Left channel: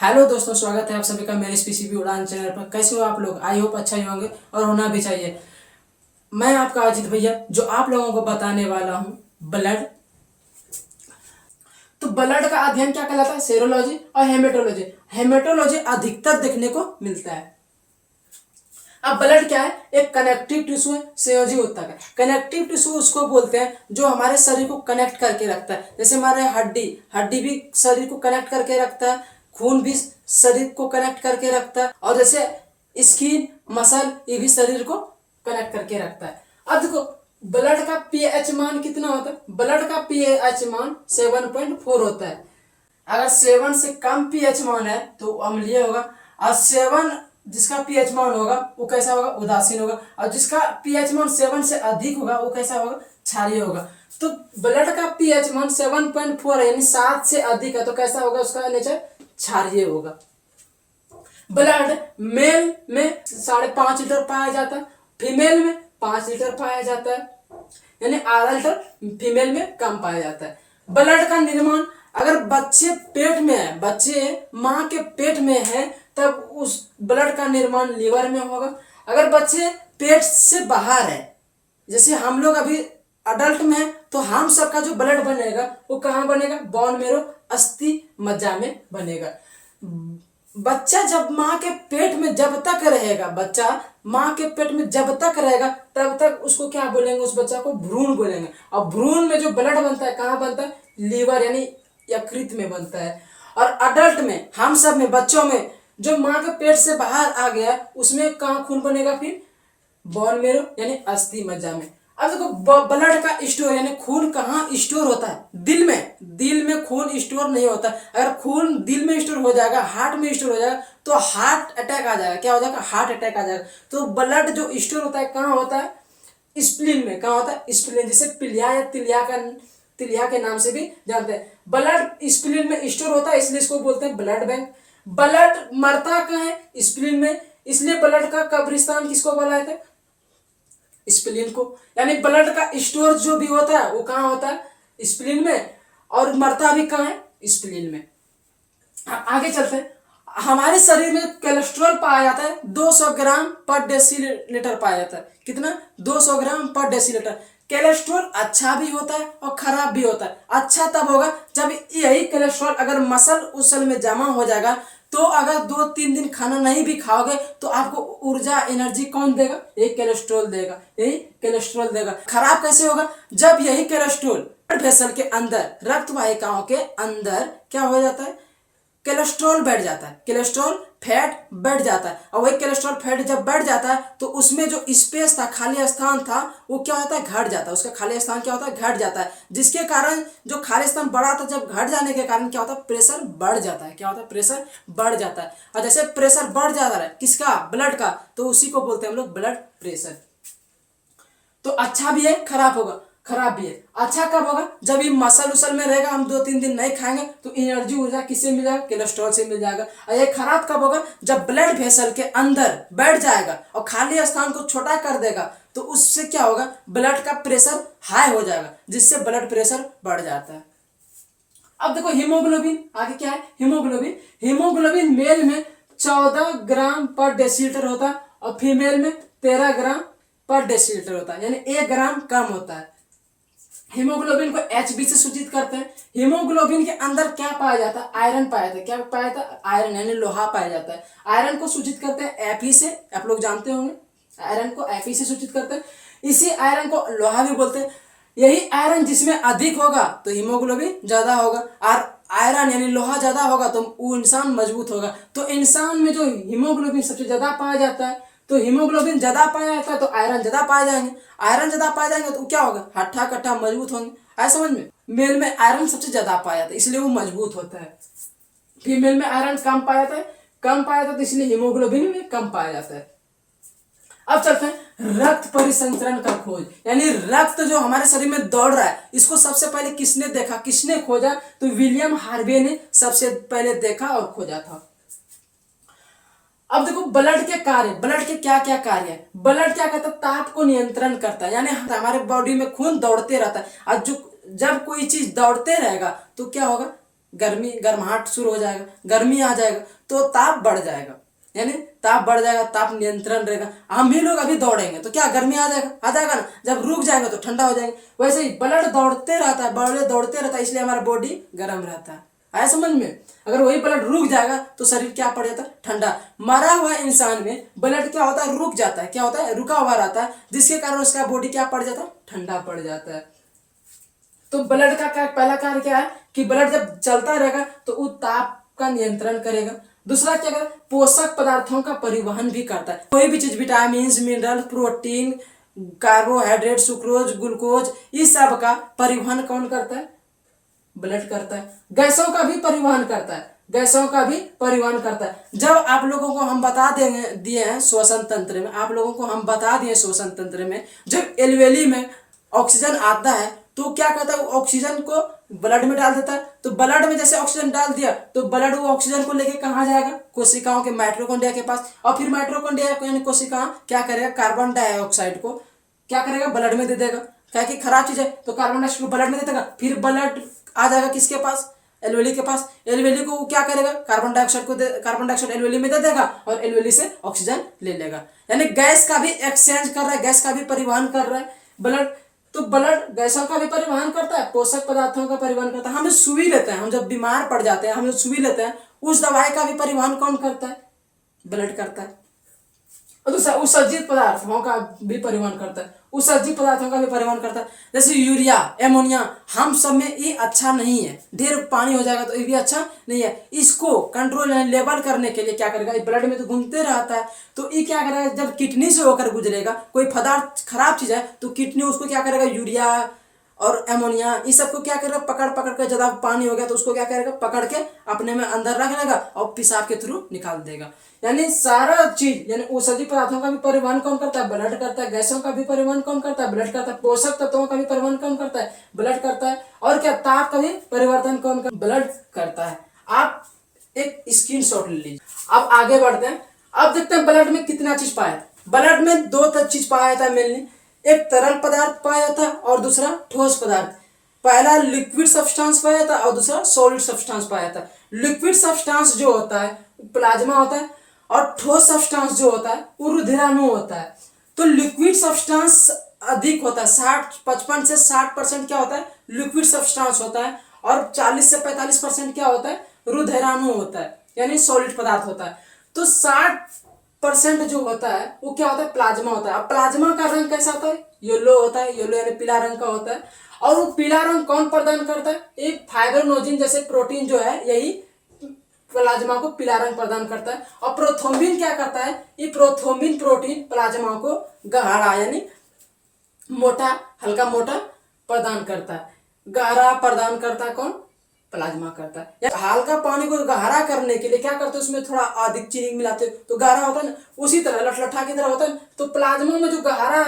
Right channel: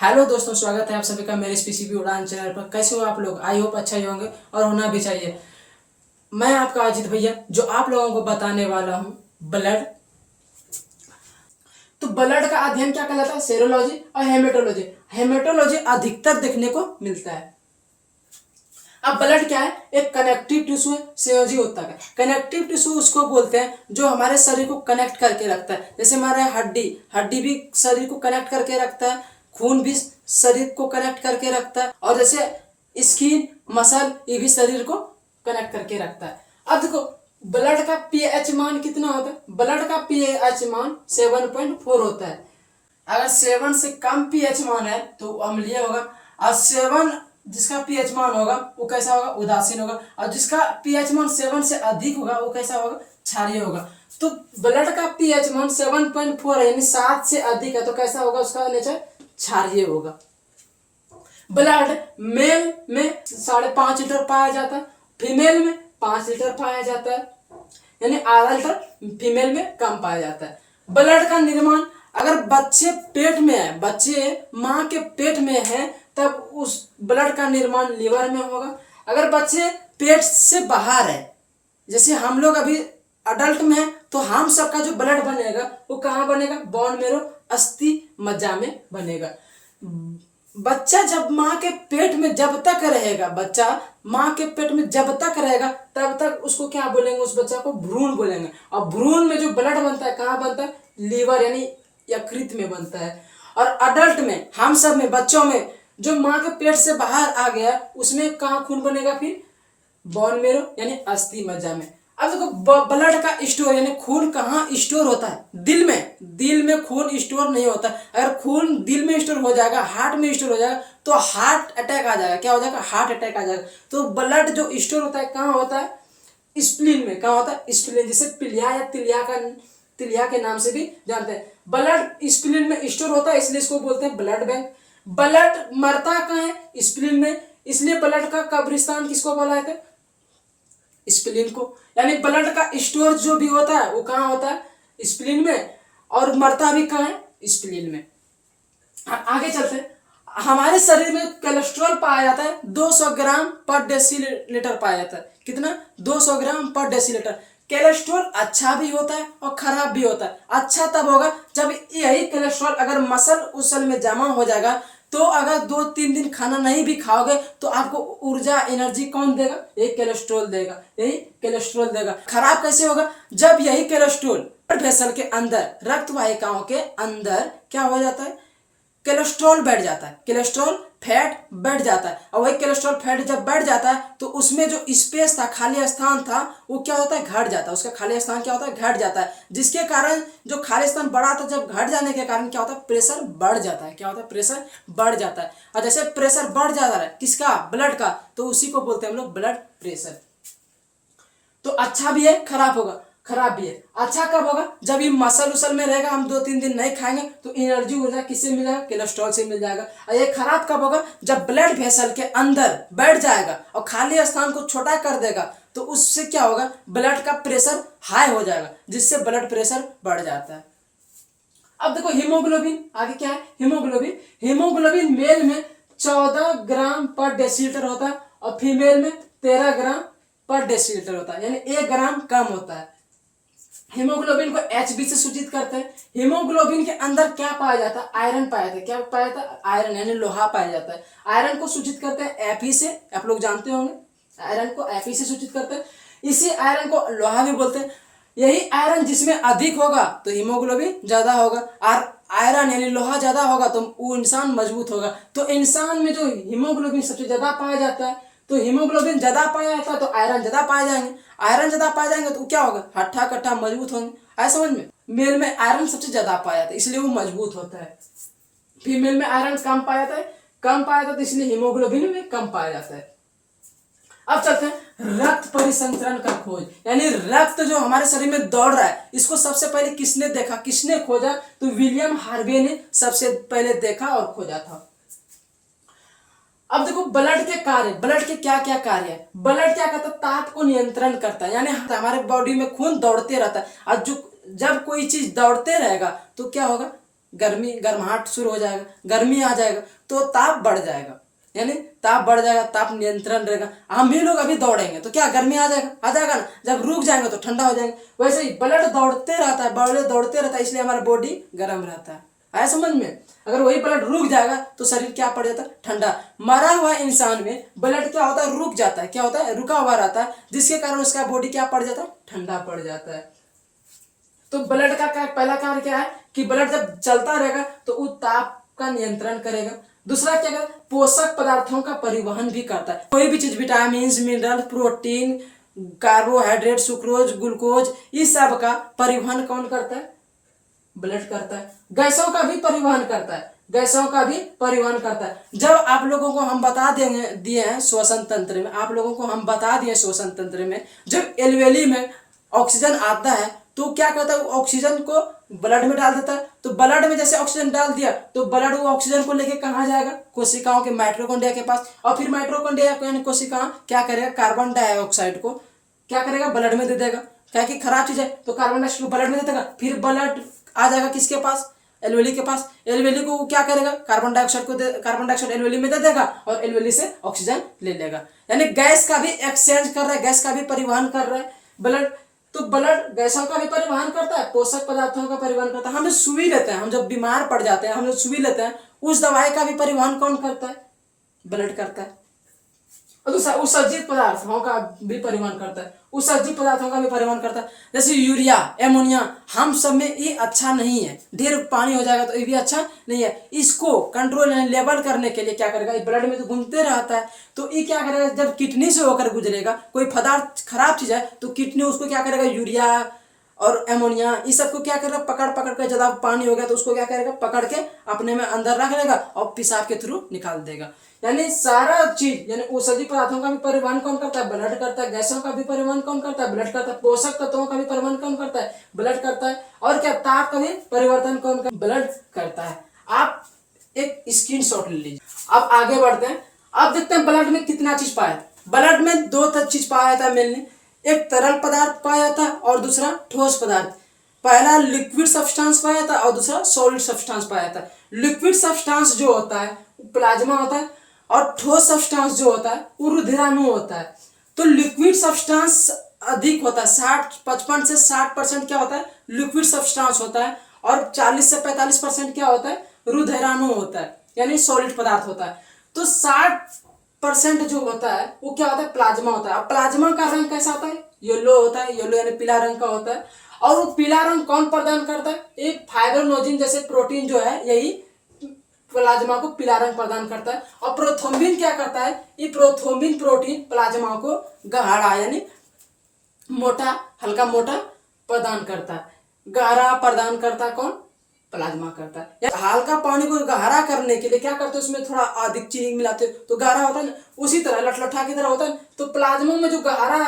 Hello दोस्तों, स्वागत है आप सभी का मेरे इस पीसीबी उड़ान चैनल पर। कैसे हो आप लोग? आई होप अच्छा ही होंगे और होना भी चाहिए। मैं आपका अजीत भैया जो आप लोगों को बताने वाला हूँ ब्लड। तो ब्लड का अध्ययन क्या कहलाता है? सेरोलॉजी और हेमेटोलॉजी। हेमेटोलॉजी अधिकतर देखने को मिलता है। अब ब्लड क्या है? एक कनेक्टिव टिश्यू है, संयोजी ऊतक है। कनेक्टिव टिश्यू उसको बोलते हैं जो हमारे शरीर को कनेक्ट करके रखता है। जैसे हमारे हड्डी हड्डी भी शरीर को कनेक्ट करके रखता है, खून भी शरीर को कनेक्ट करके रखता है, और जैसे स्किन मसल ये भी शरीर को कनेक्ट करके रखता है। अब देखो ब्लड का पीएच मान कितना होता है? ब्लड का पीएच मान 7.4 होता है। अगर 7 से कम पीएच मान है तो अम्लीय होगा, और 7 जिसका पीएच मान होगा वो कैसा होगा? उदासीन होगा। और जिसका पीएच मान 7 से अधिक होगा वो कैसा होगा? क्षारीय होगा। तो ब्लड का पीएच मान 7.4 है, यानी 7 से अधिक है, तो कैसा होगा? उसका नेचर क्षारीय होगा। ब्लड मेल में 5.5 लीटर पाया जाता है, फीमेल में 5 लीटर पाया जाता है, यानी आधा लीटर फीमेल में कम पाया जाता है। ब्लड का निर्माण अगर बच्चे पेट में है, बच्चे माँ के पेट में है, तब उस ब्लड का निर्माण लीवर में होगा। अगर बच्चे पेट से बाहर है, जैसे हम लोग अभी अडल्ट में है, तो हम सबका जो ब्लड बनेगा वो कहाँ बनेगा? बोन मेरो अस्थि मज्जा में बनेगा। बच्चा जब माँ के पेट में जब तक रहेगा, बच्चा माँ के पेट में जब तक रहेगा तब तक उसको क्या बोलेंगे? उस बच्चा को भ्रूण बोलेंगे। और भ्रूण में जो ब्लड बनता है कहाँ बनता है? लीवर यानी यकृत में बनता है। और अडल्ट में, हम सब में, बच्चों में जो माँ के पेट से बाहर आ गया उसमें कहाँ खून बनेगा? फिर बोन मेरो यानी अस्थि मज्जा में। अब देखो ब्लड का स्टोर यानी खून कहाँ स्टोर होता है? दिल में। दिल में खून स्टोर नहीं होता। अगर खून दिल में स्टोर हो जाएगा, हार्ट में स्टोर हो जाएगा, तो हार्ट अटैक आ जाएगा। क्या हो जाएगा? हार्ट अटैक आ जाएगा। तो ब्लड जो स्टोर होता है कहाँ होता है? स्प्लीन में। कहाँ होता है? स्प्लीन, जिसे पिलिया या तिलिया के नाम से भी जानते हैं। ब्लड स्प्लीन में स्टोर होता है, इसलिए इसको बोलते हैं ब्लड बैंक। ब्लड मरता कहाँ है? स्प्लीन में, इसलिए ब्लड का कब्रिस्तान किसको बोला जाता है? स्प्लीन को। यानी ब्लड का स्टोर जो भी होता है वो कहाँ होता है? स्प्लीन में। और मरता भी कहाँ है? स्प्लीन में। आगे चलते हैं। हमारे शरीर में कोलेस्ट्रॉल पाया जाता है 200 ग्राम पर डेसीलीटर पाया जाता है। कितना? 200 ग्राम पर डेसीलीटर। कोलेस्ट्रॉल अच्छा भी होता है और खराब भी होता है। अच्छा तब होगा जब यही कोलेस्ट्रॉल अगर मसल उसल में जमा हो जाएगा, तो अगर 2-3 दिन खाना नहीं भी खाओगे तो आपको ऊर्जा एनर्जी कौन देगा? यही कोलेस्ट्रॉल देगा, यही कोलेस्ट्रॉल देगा। खराब कैसे होगा? जब यही कोलेस्ट्रॉल ब्लड वेसल के अंदर, रक्त वाहिकाओं के अंदर क्या हो जाता है? कोलेस्ट्रॉल बैठ जाता है, कोलेस्ट्रॉल फैट बैठ जाता है। और वही कोलेस्ट्रॉल फैट जब बैठ जाता है तो उसमें जो स्पेस था, खाली स्थान था, वो क्या होता है? घट जाता है। उसका खाली स्थान क्या होता है? घट जाता है। जिसके कारण जो खाली स्थान बढ़ा था, जब घट जाने के कारण क्या होता है? प्रेशर बढ़ जाता है। क्या होता है? प्रेशर बढ़ जाता है। और जैसे प्रेशर बढ़ जाता है किसका? ब्लड का, तो उसी को बोलते हैं हम लोग ब्लड प्रेशर। तो अच्छा भी है, खराब होगा, खराब भी है। अच्छा कब होगा? जब ये मसल उसल में रहेगा, हम 2-3 दिन नहीं खाएंगे तो एनर्जी ऊर्जा किससे मिलेगा? कोलेस्ट्रॉल से मिल जाएगा। और ये खराब कब होगा? जब ब्लड वेसल के अंदर बैठ जाएगा और खाली स्थान को छोटा कर देगा, तो उससे क्या होगा? ब्लड का प्रेशर हाई हो जाएगा, जिससे ब्लड प्रेशर बढ़ जाता है। अब देखो हीमोग्लोबिन, आगे क्या है? हीमोग्लोबिन। हीमोग्लोबिन मेल में 14 ग्राम पर डेसीलीटर होता है और फीमेल में 13 ग्राम पर डेसीलीटर होता है, यानी 1 ग्राम कम होता है। हीमोग्लोबिन को Hb से सूचित करते हैं। हीमोग्लोबिन के अंदर क्या पाया जाता है? आयरन पाया जाता है। क्या पाया जाता है? आयरन, यानी लोहा पाया जाता है। आयरन को सूचित करते हैं Fe से, आप लोग जानते होंगे आयरन को Fe से सूचित करते हैं। इसी आयरन को लोहा भी बोलते हैं। यही आयरन जिसमें अधिक होगा तो हीमोग्लोबिन ज्यादा होगा, और आयरन यानी लोहा ज्यादा होगा तो वो इंसान मजबूत होगा। तो इंसान में जो हीमोग्लोबिन सबसे ज्यादा पाया जाता है, तो हीमोग्लोबिन ज्यादा पाया जाता है तो आयरन ज्यादा पाए जाएंगे। आयरन ज्यादा पाए जाएंगे तो क्या होगा? हट्ठा कट्ठा मजबूत होंगे। आया समझ में? मेल में आयरन सबसे ज्यादा पाया जाता है, इसलिए वो मजबूत होता है। फीमेल में आयरन कम पाया जाता है, कम पाया जाता है, तो इसलिए हीमोग्लोबिन में कम पाया जाता है। अब चलते हैं रक्त परिसंचरण का खोज, यानी रक्त जो हमारे शरीर में दौड़ रहा है, इसको सबसे पहले किसने देखा, किसने खोजा? तो विलियम हार्वे ने सबसे पहले देखा और खोजा था। अब देखो ब्लड के कार्य, ब्लड के क्या क्या कार्य है? ब्लड क्या करता है? ताप को नियंत्रण करता है, यानी हमारे बॉडी में खून दौड़ते रहता है। और जो जब कोई चीज दौड़ते रहेगा तो क्या होगा? गर्माहट शुरू हो जाएगा, गर्मी आ जाएगा तो ताप बढ़ जाएगा, यानी ताप बढ़ जाएगा, ताप नियंत्रण रहेगा। हम भी लोग अभी दौड़ेंगे तो क्या गर्मी आ जाएगा ना, जब रुक जाएंगे तो ठंडा हो जाएंगे। वैसे ही ब्लड दौड़ते रहता है, ब्लड दौड़ते रहता है, इसलिए हमारा बॉडी गर्म रहता है। आया समझ में? अगर वही ब्लड रुक जाएगा तो शरीर क्या पड़ जाता है, ठंडा। मरा हुआ इंसान में ब्लड क्या होता है, रुक जाता है, क्या होता है, रुका हुआ रहता है, जिसके कारण उसका बॉडी क्या पड़ जाता है, ठंडा पड़ जाता है। तो ब्लड का पहला कार्य क्या है कि ब्लड जब चलता रहेगा तो वो ताप का नियंत्रण करेगा। दूसरा क्या करेगा, पोषक पदार्थों का परिवहन भी करता है। कोई भी चीज, vitamin, mineral, protein, carbohydrate, sucrose, glucose, इस सब का परिवहन कौन करता है, ब्लड करता है। गैसों का भी परिवहन करता है, गैसों का भी परिवहन करता है। जब आप लोगों को हम बता दिए हैं श्वसन तंत्र में, आप लोगों को हम बता दिए श्वसन तंत्र में, जब एल्वेली में ऑक्सीजन आता है तो क्या करता है, ऑक्सीजन को ब्लड में डाल देता है। तो ब्लड में जैसे ऑक्सीजन डाल दिया तो ब्लड वो ऑक्सीजन को लेके कहाँ जाएगा, कोशिकाओं के माइटोकॉन्ड्रिया के पास, और फिर माइटोकॉन्ड्रिया को यानी कोशिका क्या करेगा, कार्बन डाइऑक्साइड को क्या करेगा, ब्लड में दे देगा। क्या कि खराब चीज है तो कार्बन डाइऑक्साइड को ब्लड में दे देगा, फिर ब्लड आ जाएगा किसके पास, एल्वेली के पास। एल्वेली को क्या करेगा, कार्बन डाइऑक्साइड एल्वेली में दे देगा और एल्वेली से ऑक्सीजन ले लेगा। यानी गैस का भी एक्सचेंज कर रहा है, गैस का भी परिवहन कर रहा है ब्लड। तो ब्लड गैसों का भी परिवहन करता है, पोषक पदार्थों का परिवहन करता है। हम जो सुई लेते हैं, हम जब बीमार पड़ जाते हैं, हम जो सुई लेते हैं, उस दवाई का भी परिवहन कौन करता है, ब्लड करता है। और दूसरा उत्सर्जित पदार्थों का भी परिवहन करता है, उत्सर्जित पदार्थों का भी परिवहन करता है। जैसे यूरिया, एमोनिया, हम सब में ये अच्छा नहीं है, ढेर पानी हो जाएगा तो ये भी अच्छा नहीं है। इसको कंट्रोल लेवल करने के लिए क्या करेगा, ये ब्लड में तो घूमते रहता है, तो ये क्या करेगा, जब किडनी से होकर गुजरेगा, कोई पदार्थ खराब चीज है तो किडनी उसको क्या करेगा, यूरिया और एमोनिया इस सबको क्या करेगा, पकड़ कर, ज्यादा पानी हो गया तो उसको क्या करेगा, पकड़ के अपने में अंदर रख लेगा और पेशाब के थ्रू निकाल देगा। यानी सारा चीज, यानी औषधि पदार्थों का भी परिवहन कौन करता है, ब्लड करता है। गैसों का भी परिवहन कौन करता है, ब्लड करता है। पोषक तत्वों का भी परिवहन कौन करता है, ब्लड करता है। और क्या, ताप का भी परिवर्तन कौन करता है, ब्लड करता है। आप एक स्क्रीनशॉट ले लीजिए। अब आगे बढ़ते हैं, अब देखते हैं ब्लड में कितना चीज पाया। ब्लड में दो चीज पाया जाता है मेनली, एक तरल पदार्थ पाया जाता है और दूसरा ठोस पदार्थ। पहला लिक्विड सब्सटेंस पाया जाता है और दूसरा सॉलिड सब्सटेंस पाया जाता है। लिक्विड सब्सटेंस जो होता है प्लाज्मा होता है और ठोस सब्सटेंस जो होता है वो रुधिराणु होता है। तो लिक्विड सब्सटेंस अधिक होता है, 55 से 60% क्या होता है, लिक्विड सब्सटेंस होता है, और 40 से 45% क्या होता है, रुधिराणु होता है, यानी सॉलिड पदार्थ होता है। तो 60% जो होता है वो क्या होता है, प्लाज्मा होता है। अब प्लाज्मा का रंग कैसा होता है, येलो होता है, येलो यानी पीला रंग का होता है। और वो पीला रंग कौन प्रदान करता है, एक फाइब्रोनोजिन जैसे प्रोटीन जो है, यही प्लाज्मा को पीला रंग प्रदान करता है। और प्रोथ्रोम्बिन क्या करता है, ये प्रोथ्रोम्बिन प्रोटीन प्लाज्मा को गहरा यानी मोटा, हल्का मोटा प्रदान करता है। गहरा प्रदान करता है कौन, प्लाज्मा करता है। हल्का पानी को गहरा करने के लिए क्या करते हैं, उसमें थोड़ा अधिक चीनी मिलाते हैं तो गहरा होता है ना, उसी तरह लठलठा की तरह होता है। तो प्लाज्मा में जो गहरा,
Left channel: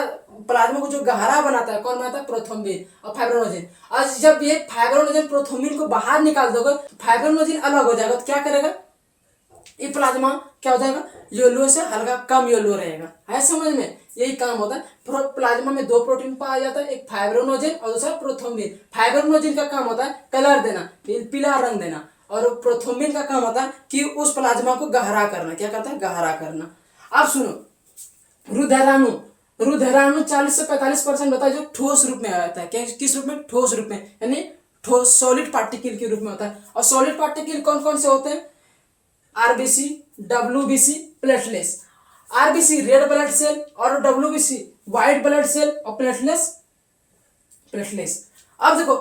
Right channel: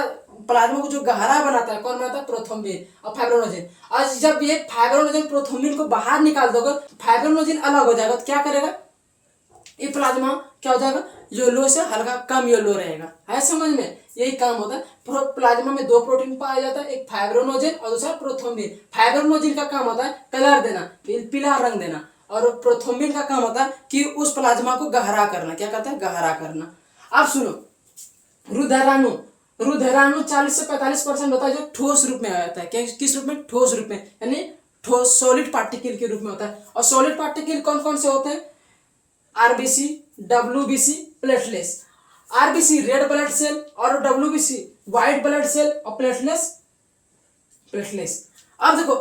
प्लाज्मा को जो गहरा बनाता है कौन बनाता है, प्रोथ्रोम्बिन और फाइब्रोनोजिन। और जब ये फाइब्रोनोजिन प्रोथ्रोम्बिन को बाहर निकाल दोगे, फाइब्रोनोजिन अलग हो जाएगा, तो क्या करेगा, ये प्लाज्मा क्या हो जाएगा, येलो से हल्का कम येलो रहेगा। है समझ में, यही काम होता है। प्लाज्मा में दो प्रोटीन पाया जाता है, एक फाइब्रोनोजिन और दूसरा प्रोथ्रोम्बिन। फाइब्रोनोजिन का काम होता है कलर देना, पीला रंग देना, और प्रोथ्रोम्बिन का काम होता है कि उस प्लाज्मा को गहरा करना। क्या करता है, गहरा करना। अब सुनो, रुधिराणु, रुधिराणु 40 से 45% होता है जो ठोस रूप में आता है। क्या, किस रूप में, ठोस रूप में, यानी ठोस सॉलिड पार्टिकल के रूप में होता है। और सॉलिड पार्टिकल कौन कौन से होते हैं, RBC, WBC, platelets. RBC red blood cell और डब्ल्यूबीसी व्हाइट ब्लड सेल और प्लेटलेट्स। अब देखो,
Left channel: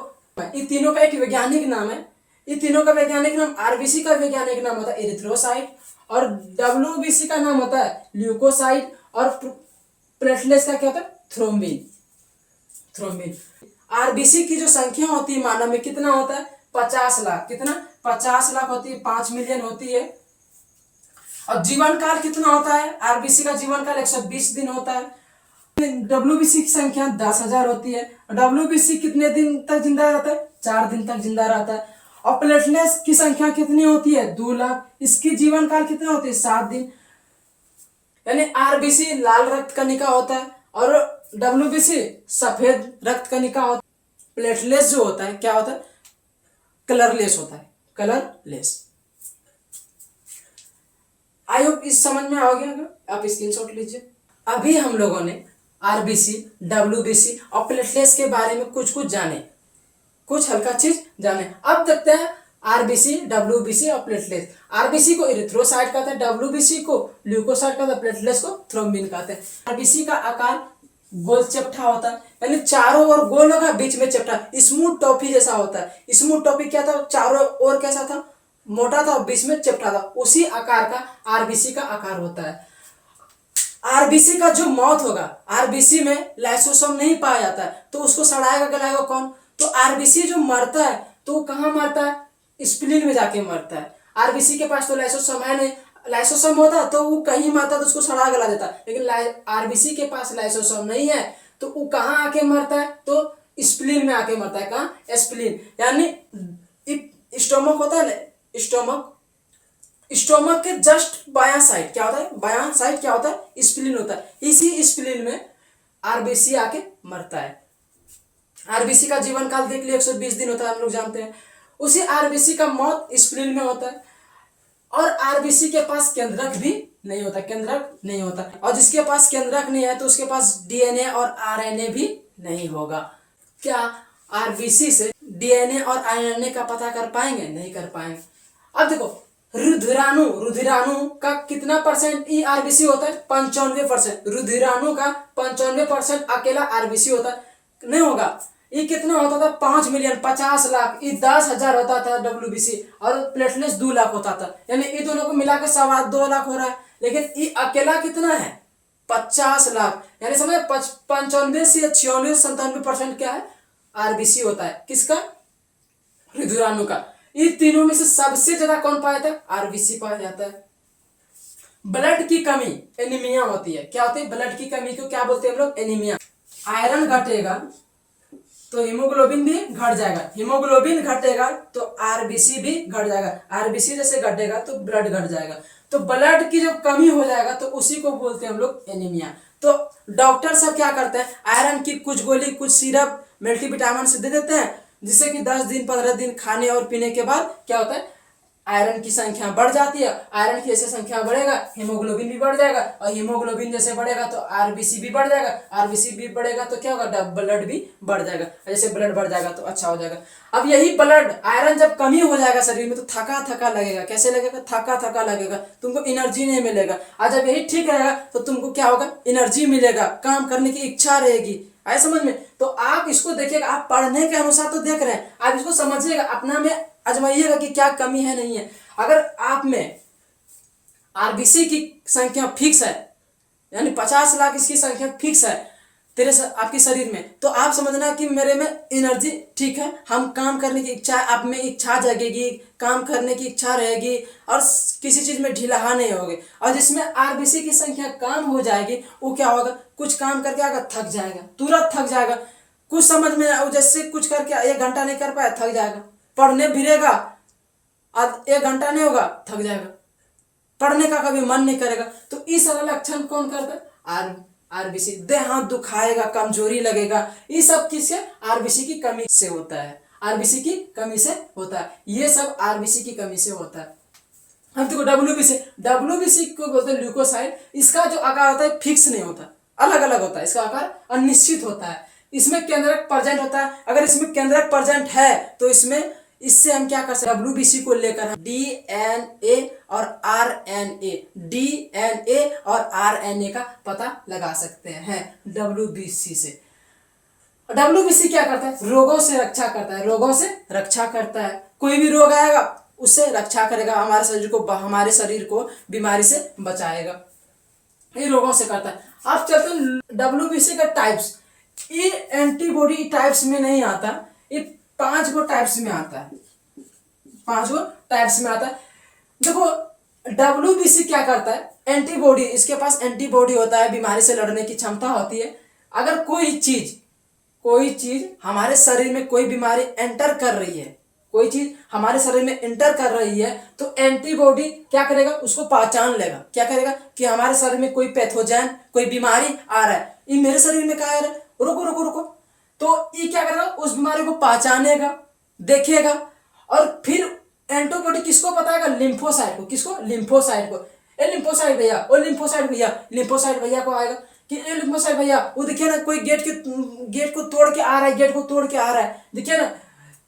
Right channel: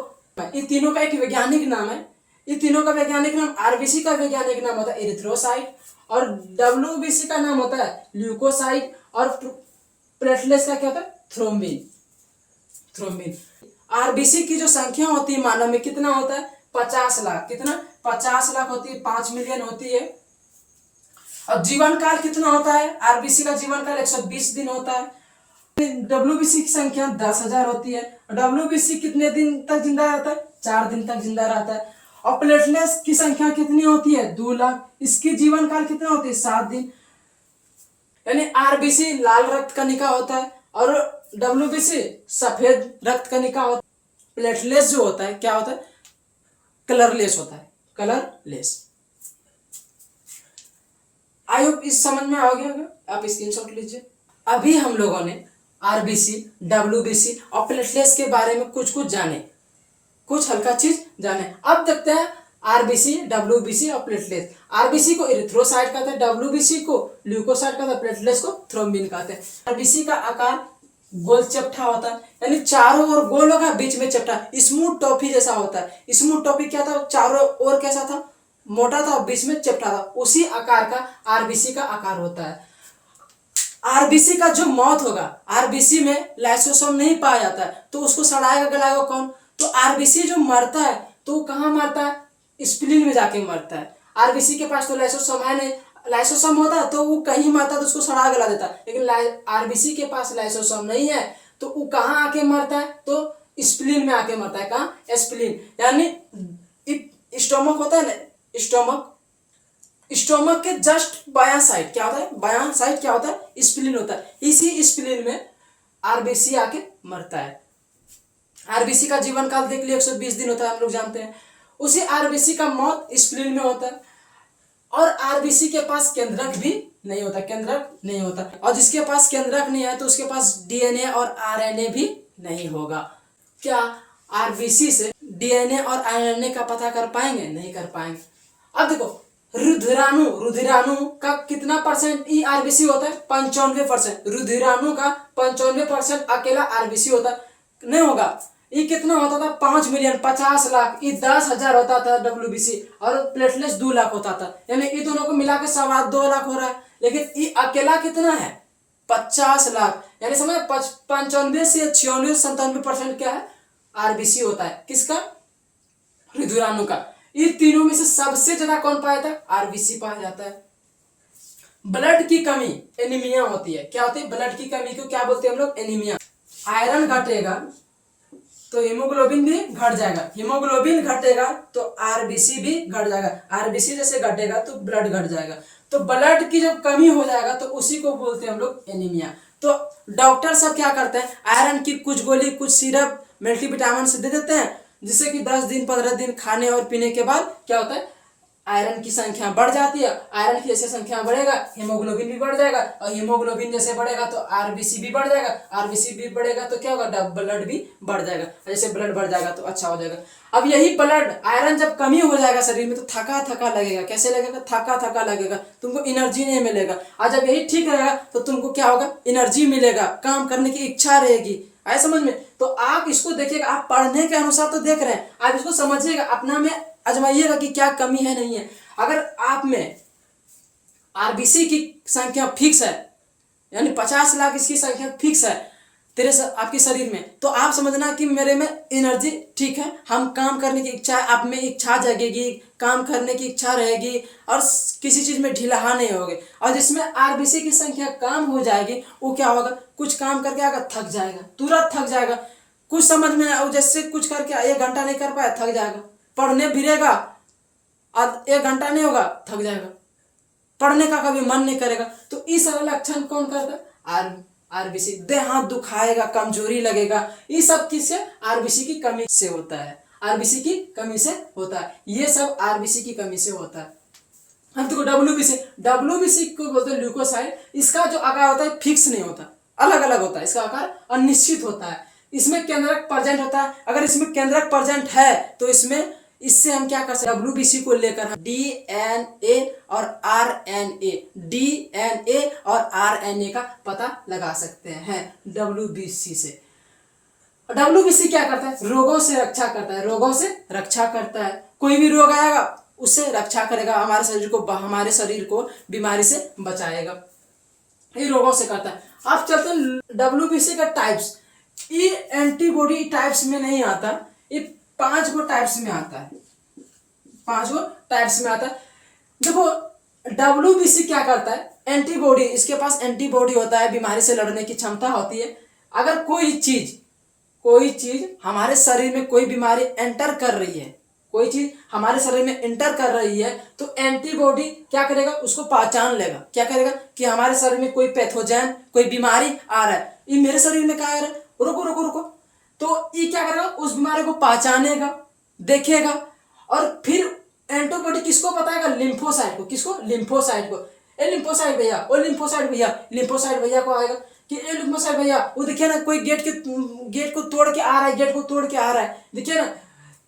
इन तीनों का एक वैज्ञानिक नाम है, इन तीनों का वैज्ञानिक नाम, आरबीसी का वैज्ञानिक नाम होता है एरिथ्रोसाइट, और डब्ल्यूबीसी का नाम होता है ल्यूकोसाइट, और प्लेटलेट्स का क्या होता है, थ्रोम्बिन। आरबीसी की जो संख्या होती है मानव में कितना होता है, 50 लाख। कितना, 50 लाख होती है, 5 मिलियन होती है। और जीवन काल कितना होता है, आरबीसी का जीवन काल 120 दिन होता है। डब्ल्यूबीसी की संख्या 10,000 होती है। डब्ल्यूबीसी कितने दिन तक जिंदा रहता है, 4 दिन तक जिंदा रहता है। और प्लेटलेट्स की संख्या कितनी होती है, 2 लाख। इसकी जीवन काल कितना होती है, 7 दिन। यानी आरबीसी लाल रक्त कणिका होता है और डब्ल्यूबीसी सफेद रक्त कणिका होता है। प्लेटलेट्स जो होता है क्या होता है, कलरलेस होता है। कलरलेस। आई होप इस समझ में आ गया, आप स्क्रीनशॉट लीजिए। अभी हम लोगों ने आरबीसी, डब्ल्यूबीसी और प्लेटलेट्स के बारे में कुछ कुछ जाने, कुछ हल्का चीज जाने। अब देखते हैं आरबीसी, डब्ल्यूबीसी और प्लेटलेट्स। आरबीसी को इरिथ्रोसाइट कहते हैं, डब्ल्यूबीसी को ल्यूकोसाइट कहते हैं, प्लेटलेट्स को थ्रोम्बिन कहते हैं। आरबीसी का आकार गोल चपटा होता है, यानी चारों ओर गोल होगा, बीच में चपटा, स्मूथ टॉफी जैसा होता है। स्मूथ टॉफी क्या था, चारों ओर कैसा था, मोटा था, बीच में चपटा था, उसी आकार का आरबीसी का आकार होता है। आरबीसी का जो मौत होगा, आरबीसी में लाइसोसोम नहीं पाया जाता है, तो उसको सड़ाएगा गलाएगा कौन, तो आरबीसी जो मरता है तो वो कहाँ मरता है, स्प्लीन में जाके मरता है। आरबीसी के पास तो लाइसोसोम है नहीं, लाइसोसोम होता तो वो कहीं मरता तो उसको सड़ा गला देता, लेकिन आरबीसी के पास लाइसोसोम नहीं है तो वो कहाँ आके मरता है, तो स्प्लीन में आके मरता है। कहाँ, स्प्लीन, यानी स्टोमक होता है ना, स्टोमक के जस्ट बायां साइड क्या होता है, बायां साइड क्या होता है, स्प्लीन होता है। इसी स्प्लीन में आरबीसी आके मरता है। आरबीसी का जीवन काल देख लिए 120 दिन होता है, हम लोग जानते हैं। उसी आरबीसी का मौत स्प्लीन में होता है। और आरबीसी के पास केंद्रक भी नहीं होता, केंद्रक नहीं होता, और जिसके पास केंद्रक नहीं है तो उसके पास डीएनए और आरएनए भी नहीं होगा। क्या आरबीसी से डीएनए और आरएनए का पता कर पाएंगे, नहीं कर पाएंगे। अब देखो रुधिराणु का कितना परसेंट ई आरबीसी होता है, 95%। रुधिराणु का 95% अकेला आरबीसी होता है, नहीं होगा। ये कितना होता था, 5 मिलियन, 50 लाख, ये 10,000 होता था डब्ल्यूबीसी, और प्लेटलेट्स 2 लाख होता था, यानी ये दोनों को मिला के 2.25 लाख हो रहा है। लेकिन ये अकेला कितना है, 50 लाख, यानी समझ 95 से 96 97% क्या है, आरबीसी होता है। किसका, रुधिराणु का। ये तीनों में से सबसे ज्यादा कौन पाया था, आरबीसी पाया जाता है। ब्लड की कमी एनीमिया होती है, क्या होती है, ब्लड की कमी को क्या बोलते हैं हम लोग, एनीमिया। आयरन घटेगा तो हीमोग्लोबिन भी घट जाएगा, हीमोग्लोबिन घटेगा तो आरबीसी भी घट जाएगा, आरबीसी जैसे घटेगा तो ब्लड घट जाएगा। तो ब्लड की जब कमी हो जाएगा तो उसी को बोलते हैं हम लोग एनीमिया। तो डॉक्टर सब क्या करते हैं, आयरन की कुछ गोली, कुछ सिरप, मल्टीविटामिन से दे देते हैं, जिससे कि 10 दिन 15 दिन खाने और पीने के बाद क्या होता है, आयरन की संख्या बढ़ जाती है। आयरन की जैसे संख्या बढ़ेगा हीमोग्लोबिन भी बढ़ जाएगा, और हीमोग्लोबिन जैसे बढ़ेगा तो आरबीसी भी बढ़ जाएगा, आरबीसी भी बढ़ेगा तो क्या होगा, ब्लड भी बढ़ जाएगा। जैसे ब्लड बढ़ जाएगा तो अच्छा हो जाएगा। अब यही ब्लड आयरन जब कमी हो जाएगा शरीर में तो थका थका लगेगा, कैसे लगेगा, थका थका लगेगा, तुमको एनर्जी नहीं मिलेगा। और जब यही ठीक रहेगा तो तुमको क्या होगा, एनर्जी मिलेगा, काम करने की इच्छा रहेगी। आए समझ में। तो आप इसको देखिएगा, आप पढ़ने के अनुसार तो देख रहे हैं, आप इसको समझिएगा, अपना में आजमाइएगा कि क्या कमी है, नहीं है। अगर आप में आरबीसी की संख्या फिक्स है, यानी 50 लाख इसकी संख्या फिक्स है आपके शरीर में, तो आप समझना कि मेरे में एनर्जी ठीक है, हम काम करने की इच्छा, आप में इच्छा जगेगी, काम करने की इच्छा रहेगी, और किसी चीज में ढिलाहा नहीं होगे। और जिसमें आरबीसी की संख्या कम हो जाएगी वो क्या होगा, कुछ काम करके आएगा थक जाएगा, तुरंत थक जाएगा, कुछ समझ में जैसे कुछ करके 1 घंटा नहीं कर पाया थक जाएगा, पढ़ने भिड़ेगा और 1 घंटा नहीं होगा थक जाएगा, पढ़ने का कभी मन नहीं करेगा। तो इस वाला लक्षण कौन करता है, आरबीसी। देह हाथ दुखाएगा, कमजोरी लगेगा, ये सब किससे, आरबीसी की कमी से होता है, आरबीसी की कमी से होता है, ये सब आरबीसी की कमी से होता है। अब देखो डब्ल्यूबीसी को बोलते हैं ल्यूकोसाइट। इसका जो आकार होता है फिक्स नहीं होता, अलग अलग होता है, इसका आकार अनिश्चित होता है। इसमें केंद्रक प्रेजेंट होता है, अगर इसमें केंद्रक प्रेजेंट है तो इससे हम क्या कर सकते हैं, डब्ल्यूबीसी को लेकर हम डीएनए और आरएनए, डीएनए और आरएनए का पता लगा सकते हैं डब्ल्यूबीसी से। डब्ल्यूबीसी क्या करता है, रोगों से रक्षा करता है, रोगों से रक्षा करता है। कोई भी रोग आएगा उससे रक्षा करेगा, हमारे शरीर को बीमारी से बचाएगा, ये रोगों से करता है। अब चलते हैं डब्ल्यूबीसी का टाइप्स। ये एंटीबॉडी टाइप्स में नहीं आता, ये 5 गो टाइप्स में आता है, 5 गो टाइप्स में आता है। देखो डब्ल्यूबीसी क्या करता है, एंटीबॉडी, इसके पास एंटीबॉडी होता है, बीमारी से लड़ने की क्षमता होती है। अगर कोई चीज हमारे शरीर में कोई बीमारी एंटर कर रही है, कोई चीज हमारे शरीर में एंटर कर रही है तो एंटीबॉडी क्या करेगा, उसको पहचान लेगा, क्या करेगा कि हमारे शरीर में कोई पैथोजन, कोई बीमारी आ रहा है, ये मेरे शरीर में क्या आ रहा है, रुको रुको रुको, तो ये क्या करेगा, उस बीमारी को पहचानेगा, देखेगा, और फिर एंटीबॉडी किसको बताएगा? लिम्फोसाइट को। किसको? लिम्फोसाइट को। ए लिम्फोसाइट भैया, ओ लिम्फोसाइट भैया, लिम्फोसाइट भैया को आएगा कि ए लिम्फोसाइट भैया, वो देखिए ना कोई गेट को तोड़ के आ रहा है, गेट को तोड़ के आ रहा है, देखिए ना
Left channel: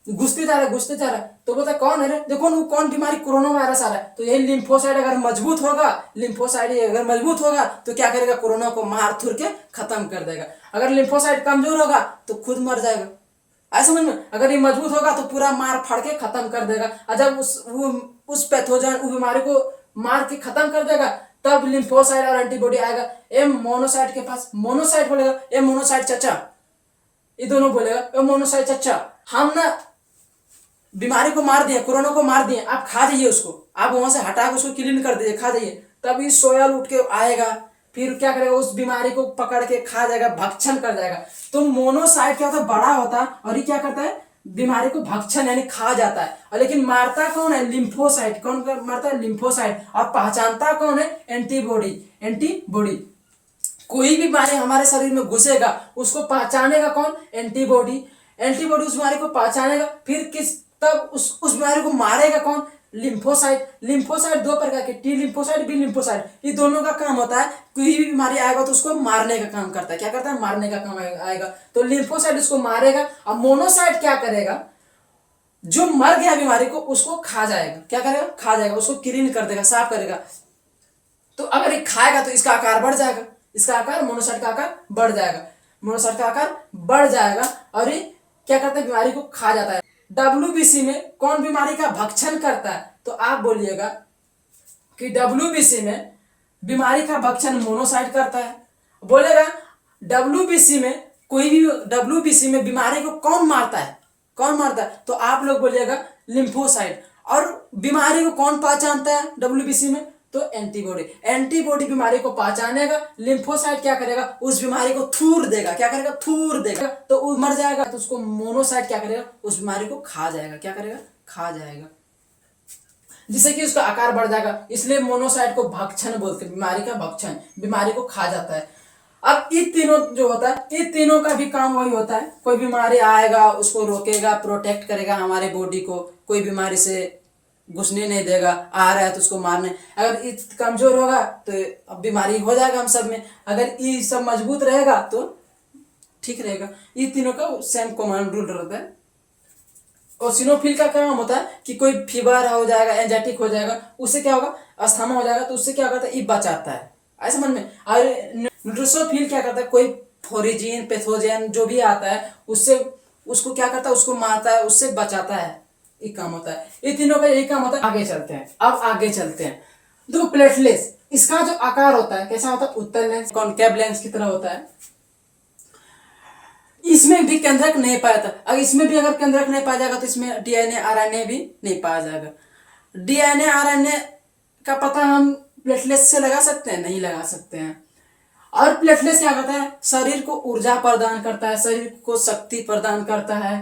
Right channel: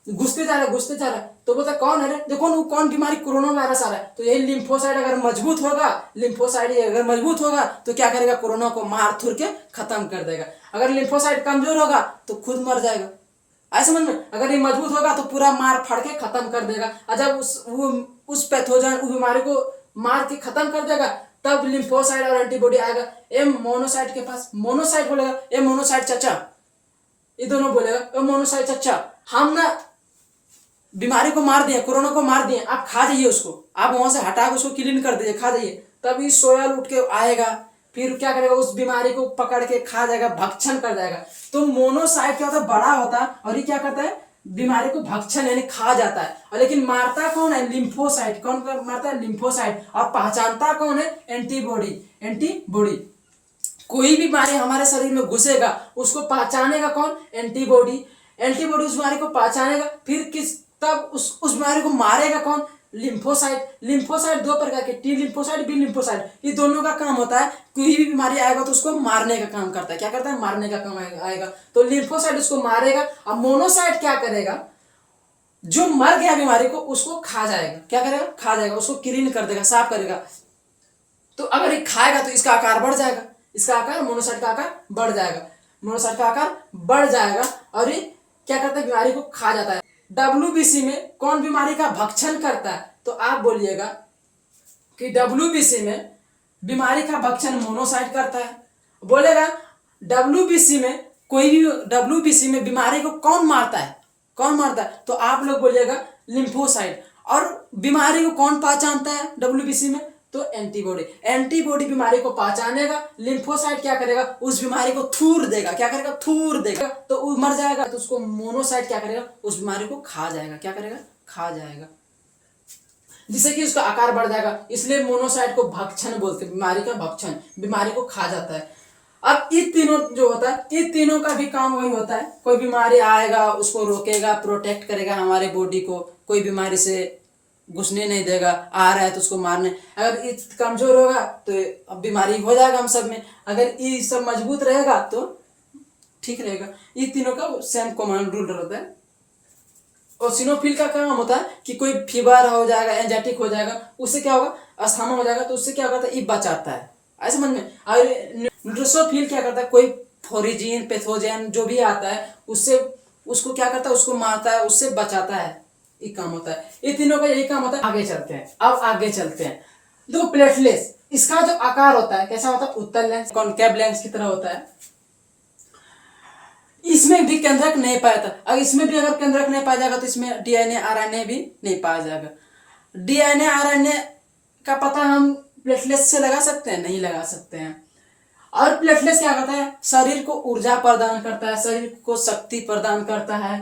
घुसते जा रहा है, घुसते जा रहा है। तो बोलता कौन है रे? देखो ना कौन बीमारी, कोरोना वायरस आ रहा है। तो यही लिम्फोसाइट अगर मजबूत होगा, लिम्फोसाइट अगर मजबूत होगा तो क्या करेगा? कोरोना को मार थुर के खत्म कर देगा। अगर लिम्फोसाइट कमजोर होगा तो खुद मर जाएगा। ऐसा समझ में? अगर ये मजबूत होगा तो पूरा मार फाड़ के खत्म कर देगा। और जब उस पैथोजन, उस बीमारी को मार के खत्म कर देगा, तब लिम्फोसाइट और एंटीबॉडी आएगा। ए मोनोसाइट के पास, मोनोसाइट बोलेगा ए मोनोसाइट चाचा, ये दोनों बोलेगा ए मोनोसाइट चाचा, हम ना बीमारी को मार दिए, कोरोना को मार दिए, आप खा जाइए उसको, आप वहां से हटा के उसको क्लीन कर दीजिए, खा जाइए। तब इस सोयल उठ के आएगा, फिर क्या करेगा? उस बीमारी को पकड़ के खा जाएगा, भक्षण कर जाएगा। तो मोनोसाइट क्या होता है? बड़ा होता है, और ये क्या करता है? बीमारी को भक्षण यानी खा जाता है। और लेकिन मारता कौन है? लिम्फोसाइट। कौन मारता है? लिम्फोसाइट। और पहचानता कौन है? एंटीबॉडी। एंटीबॉडी। कोई भी बीमारी हमारे शरीर में घुसेगा उसको पहचानेगा कौन? एंटीबॉडी। एंटीबॉडी उस बीमारी को पहचानेगा, फिर तब उस बीमारी को मारेगा कौन? लिम्फोसाइट। लिम्फोसाइट दो प्रकार के, टी लिम्फोसाइट, बी लिम्फोसाइट। ये दोनों का काम होता है, कोई भी बीमारी आएगा तो उसको मारने का काम करता है। क्या करता है? मारने का काम आएगा। तो लिम्फोसाइट उसको मारेगा, और मोनोसाइट क्या करेगा? जो मर गया बीमारी को उसको खा जाएगा। क्या करेगा? खा जाएगा, उसको क्लीन कर देगा, साफ करेगा। तो अगर ये खाएगा तो इसका आकार बढ़ जाएगा, इसका आकार, मोनोसाइट का आकार बढ़ जाएगा, मोनोसाइट का आकार बढ़ जाएगा, और ये क्या करता है? बीमारी को खा जाता है। WBC में कौन बीमारी का भक्षण करता है? तो आप बोलिएगा कि WBC में बीमारी का भक्षण मोनोसाइट करता है। बोलेगा WBC में, कोई भी WBC में बीमारी को कौन मारता है? कौन मारता है? तो आप लोग बोलिएगा लिम्फोसाइट। और बीमारी को कौन पहचानता है WBC में? तो एंटीबॉडी। एंटीबॉडी बीमारी को पहचानेगा, लिम्फोसाइट क्या करेगा? उस बीमारी को थूर देगा। क्या करेगा? थूर देगा, तो वो मर जाएगा। तो उसको मोनोसाइट क्या करेगा? उस बीमारी को खा जाएगा। क्या करेगा? खा जाएगा, जिससे कि उसका आकार बढ़ जाएगा। इसलिए मोनोसाइट को भक्षण बोलते हैं, बीमारी का भक्षण, बीमारी को खा जाता है। अब ये तीनों जो होता है, ये तीनों का भी काम वही होता है। कोई बीमारी आएगा उसको रोकेगा, प्रोटेक्ट करेगा हमारे बॉडी को, कोई बीमारी से घुसने नहीं देगा, आ रहा है तो उसको मारने। अगर ये कमजोर होगा तो अब बीमारी हो जाएगा हम सब में, अगर ये सब मजबूत रहेगा तो ठीक रहेगा। ये तीनों का सेम कॉमन रूल रहता है। और सिनोफिल का काम होता है कि कोई फीवर हो जाएगा, एंजाइटिक हो जाएगा, उससे क्या होगा? अस्थमा हो जाएगा, तो उससे क्या करता है? ये बचाता है। ऐसे समझ में? और न्यूट्रोसोफिल क्या करता है? कोई फोरिजीन, पैथोजन जो भी आता है उससे उसको क्या करता है? उसको मारता है, उससे बचाता है। ये काम होता है, ये तीनों का यही काम होता है। आगे चलते हैं, अब आगे चलते हैं। देखो प्लेटलेट्स, इसका जो आकार होता है कैसा होता है? उत्तल लेंस, कॉनकेव लेंस की तरह होता है। इसमें भी केंद्रक नहीं पाया जाता। अगर इसमें भी अगर केंद्रक नहीं पाया जाएगा तो इसमें डीएनए आरएनए भी नहीं पाया जाएगा। डीएनए आरएनए का पता हम प्लेटलेट्स से लगा सकते हैं? नहीं लगा सकते हैं। और प्लेटलेट्स क्या करता है? शरीर को ऊर्जा प्रदान करता है, शरीर को शक्ति प्रदान करता है,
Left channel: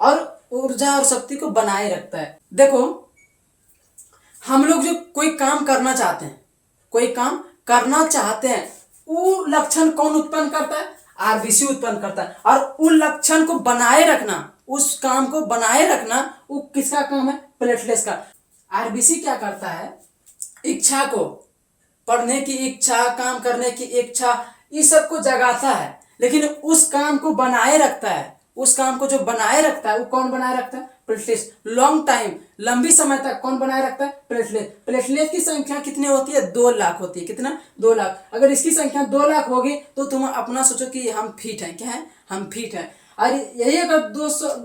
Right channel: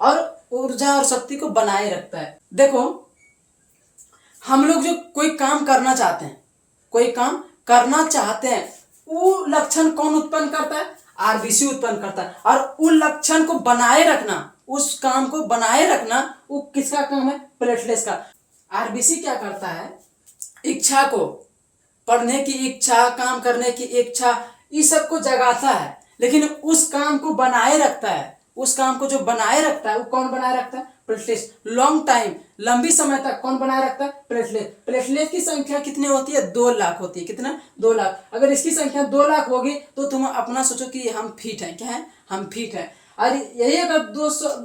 और ऊर्जा और शक्ति को बनाए रखता है। देखो हम लोग जो कोई काम करना चाहते हैं, कोई काम करना चाहते हैं, वो लक्षण कौन उत्पन्न करता है? आरबीसी उत्पन्न करता है। और उस लक्षण को बनाए रखना, उस काम को बनाए रखना, वो किसका काम है? प्लेटलेट्स का। आरबीसी क्या करता है? इच्छा को, पढ़ने की इच्छा, काम करने की इच्छा, इस सब को जगाता है, लेकिन उस काम को बनाए रखता है। उस काम को जो बनाए रखता है वो कौन बनाए रखता है? प्लेटलेट्स। लॉन्ग टाइम, लंबी समय तक कौन बनाए रखता है? प्लेटलेट। प्लेटलेट की संख्या कितनी होती है? 2 लाख होती है। कितना? 2 लाख। अगर इसकी संख्या 2 लाख होगी तो तुम अपना सोचो कि हम फिट हैं। क्या है? हम फिट हैं। और यही अगर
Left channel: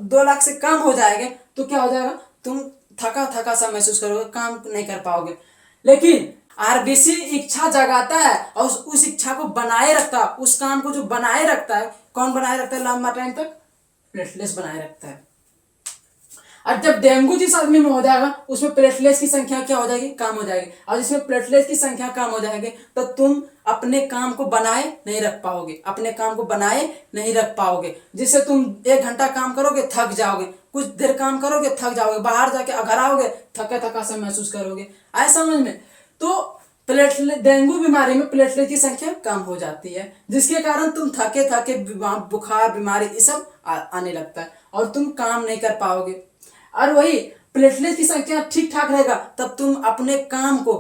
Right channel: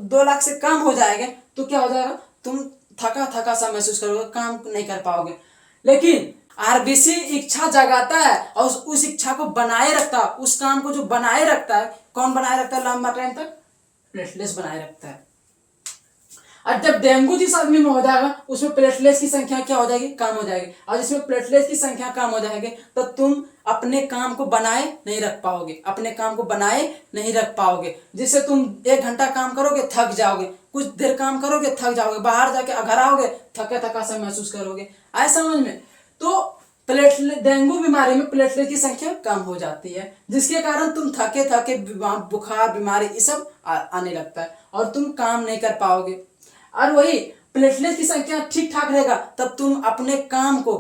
2 लाख से कम हो जाएंगे तो क्या हो जाएगा? तुम थका थका सा महसूस करोगे, काम नहीं कर पाओगे। लेकिन आरबीसी इच्छा जगाता है और उस इच्छा को बनाए रखता है। उस काम को जो बनाए रखता है, कौन बनाए रखता है लंबा टाइम तक? प्लेटलेट्स बनाए रखता है। और जब डेंगू जिस आदमी में हो जाएगा उसमें प्लेटलेट्स की संख्या क्या हो जाएगी? कम हो जाएगी। और जिसमें प्लेटलेट्स की संख्या कम हो जाएगी तो तुम अपने काम को बनाए नहीं रख पाओगे, अपने काम को बनाए नहीं रख पाओगे, जिससे तुम 1 घंटा काम करोगे थक जाओगे, कुछ देर काम करोगे थक जाओगे, बाहर जाके घर आओगे थका थका सा महसूस करोगे। आए समझ में? तो प्लेटलेट, डेंगू बीमारी में प्लेटलेट की संख्या कम हो जाती है, जिसके कारण तुम थके थके, बुखार, बीमारी ये सब आने लगता है और तुम काम नहीं कर पाओगे। और वही प्लेटलेट की संख्या ठीक ठाक रहेगा तब तुम अपने काम को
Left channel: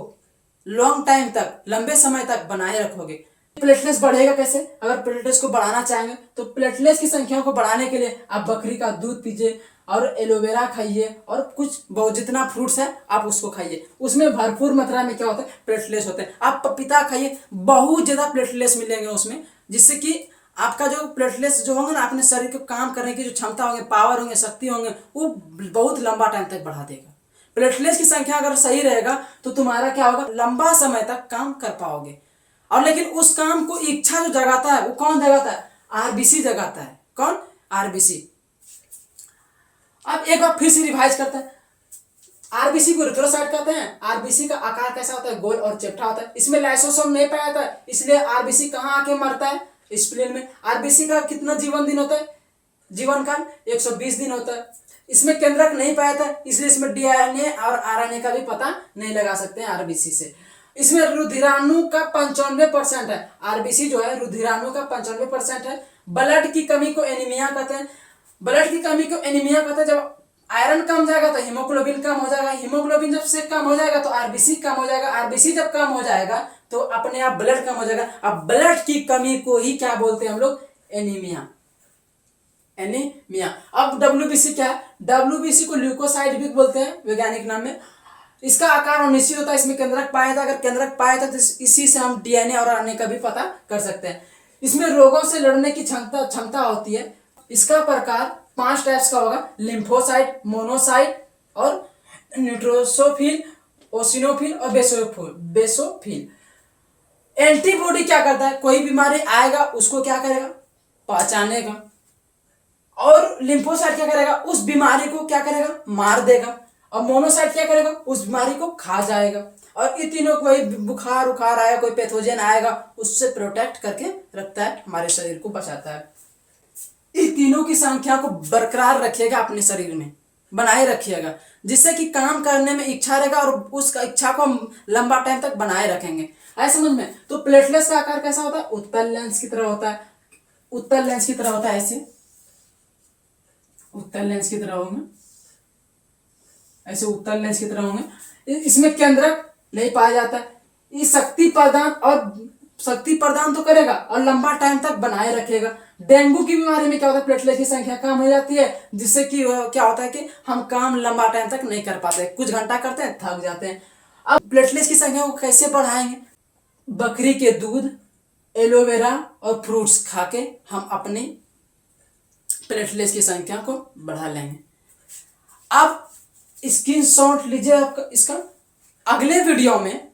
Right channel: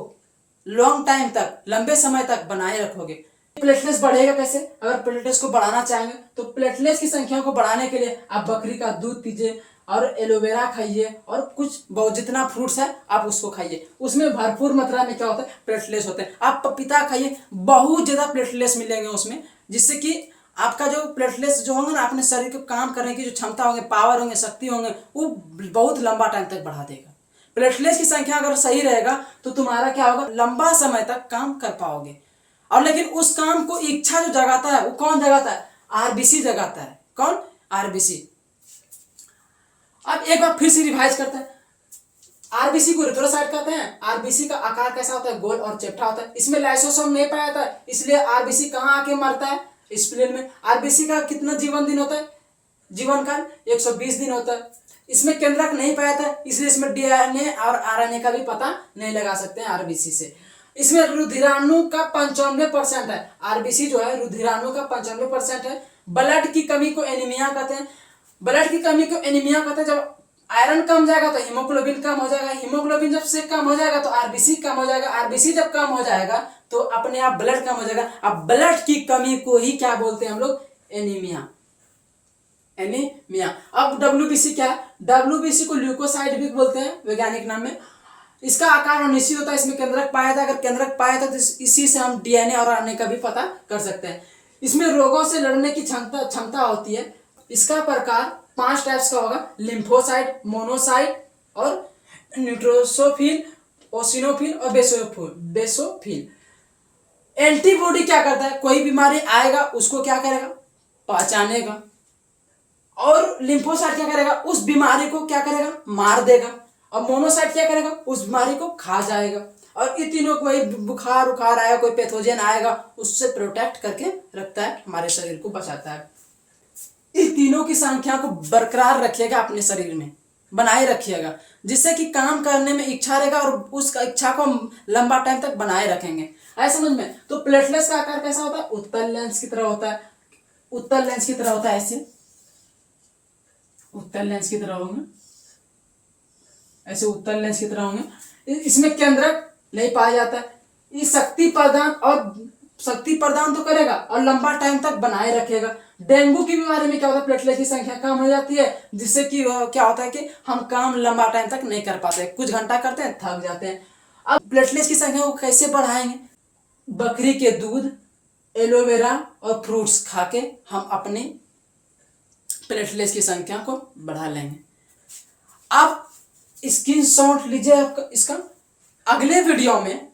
लॉन्ग टाइम तक, लंबे समय तक बनाए रखोगे। प्लेटलेट्स बढ़ेगा कैसे? अगर प्लेटलेट्स को बढ़ाना चाहेंगे तो प्लेटलेट्स की संख्या को बढ़ाने के लिए आप बकरी का दूध पीजिए और एलोवेरा खाइए और कुछ बहुत जितना फ्रूट्स है आप उसको खाइए, उसमें भरपूर मात्रा में क्या होता है? प्लेटलेट्स होते हैं। आप पपीता खाइए, बहुत ज़्यादा प्लेटलेट्स मिलेंगे उसमें, जिससे कि आपका जो प्लेटलेट्स जो होंगे ना, अपने शरीर को काम करने की जो क्षमता होंगे, पावर होंगे, शक्ति होंगे, वो बहुत लंबा टाइम तक बढ़ा देगा। प्लेटलेट्स की संख्या अगर सही रहेगा तो तुम्हारा क्या होगा? लंबा समय तक काम कर पाओगे। और लेकिन उस काम को इच्छा जो जगाता है वो कौन जगाता है? आरबीसी जगाता है। कौन? आरबीसी। अब एक बार फिर से रिवाइज करते हैं। आरबीसी को रिट्रोसाइट कहते हैं। आरबीसी का आकार कैसा होता है? गोल और चपटा होता है। इसमें लाइसोसोम नहीं पाया जाता है, इसलिए आरबीसी कहाँ आके मरता है? स्प्लीन में। आरबीसी का कितना जीवन दिन होता है? जीवन काल 120 दिन होता है। इसमें केंद्रक नहीं पाया था, इसलिए इसमें डीएनए और आरएनए का भी पता नहीं लगा सकते हैं आरबीसी से। इसमें रुधिराणु का 95% है। आरबीसी जो है रुधिराणु का 95% है। ब्लड की कमी को एनीमिया कहते हैं। ब्लड की कमी को एनीमिया कहते हैं। जब आयरन कम जाएगा तो हीमोग्लोबिन कम हो जाएगा, हीमोग्लोबिन जब से कम हो जाएगा तो आरबीसी कम हो जाएगा, आरबीसी जब कम हो जाएगा तो अपने आप ब्लड कम हो जाएगा। अब ब्लड की कमी को ही क्या बोलते हैं हम लोग? एनीमिया। एनीमिया। अब डब्ल्यूबीसी क्या है? डब्ल्यूबीसी को ल्यूकोसाइड भी बोलते हैं वैज्ञानिक नाम में। इसका आकार अनिश्चित होता है, इसमें केंद्रक पाया था। अगर केंद्रक पाया था तो इसी से हम डीएनए और आरएनए का भी पता कर सकते हैं। इसमें रोगों से लड़ने की क्षमता होती है। इसका प्रकार 5 टाइप्स का होगा: लिम्फोसाइट, मोनोसाइट और न्यूट्रोसोफिल, ओसिनोफिल और बेसोफिल। एंटीबॉडी क्या करता है? कोई बीमारी आएगा उसको क्या करेगा? पहचानेगा। और लिम्फोसाइट क्या करेगा? उस बीमारी को क्या करेगा? मार देगा। और मोनोसाइट क्या करेगा? उस बीमारी को खा जाएगा। और ये तीनों, कोई बुखार उखार आएगा, कोई पैथोजन आएगा, उससे प्रोटेक्ट करके रखता है, हमारे शरीर को बचाता है। इन तीनों की संख्या को बरकरार रखिएगा, अपने शरीर में बनाए रखिएगा, जिससे कि काम करने में इच्छा रहेगा और उस इच्छा को हम लंबा टाइम तक बनाए रखेंगे। आए समझ में? तो प्लेटलेट्स का आकार कैसा होता है? उत्तल लेंस की तरह होता है। उत्तल लेंस की तरह होता है, ऐसे उत्तल लेंस की तरह होंगे, ऐसे उत्तल लेंस की तरह होंगे। इसमें केंद्रक नहीं पाया जाता है। ये शक्ति प्रदान तो करेगा और लंबा टाइम तक बनाए रखेगा। डेंगू की बीमारी में क्या होता है? प्लेटलेट की संख्या कम हो जाती है, जिससे कि क्या होता है कि हम काम लंबा टाइम तक नहीं कर पाते, कुछ घंटा करते हैं, थक जाते हैं। अब प्लेटलेट की संख्या को कैसे बढ़ाएंगे? बकरी के दूध, एलोवेरा और फ्रूट्स खा के हम अपनी प्लेटलेट्स की संख्या को बढ़ा लेंगे। अब स्क्रीनशॉट लीजिए आपका इसका। अगले वीडियो में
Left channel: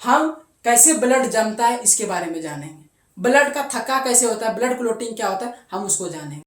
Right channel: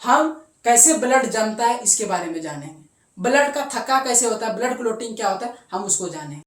हम कैसे ब्लड जमता है इसके बारे में जानेंगे। ब्लड का थक्का कैसे होता है, ब्लड क्लॉटिंग क्या होता है, हम उसको जानेंगे।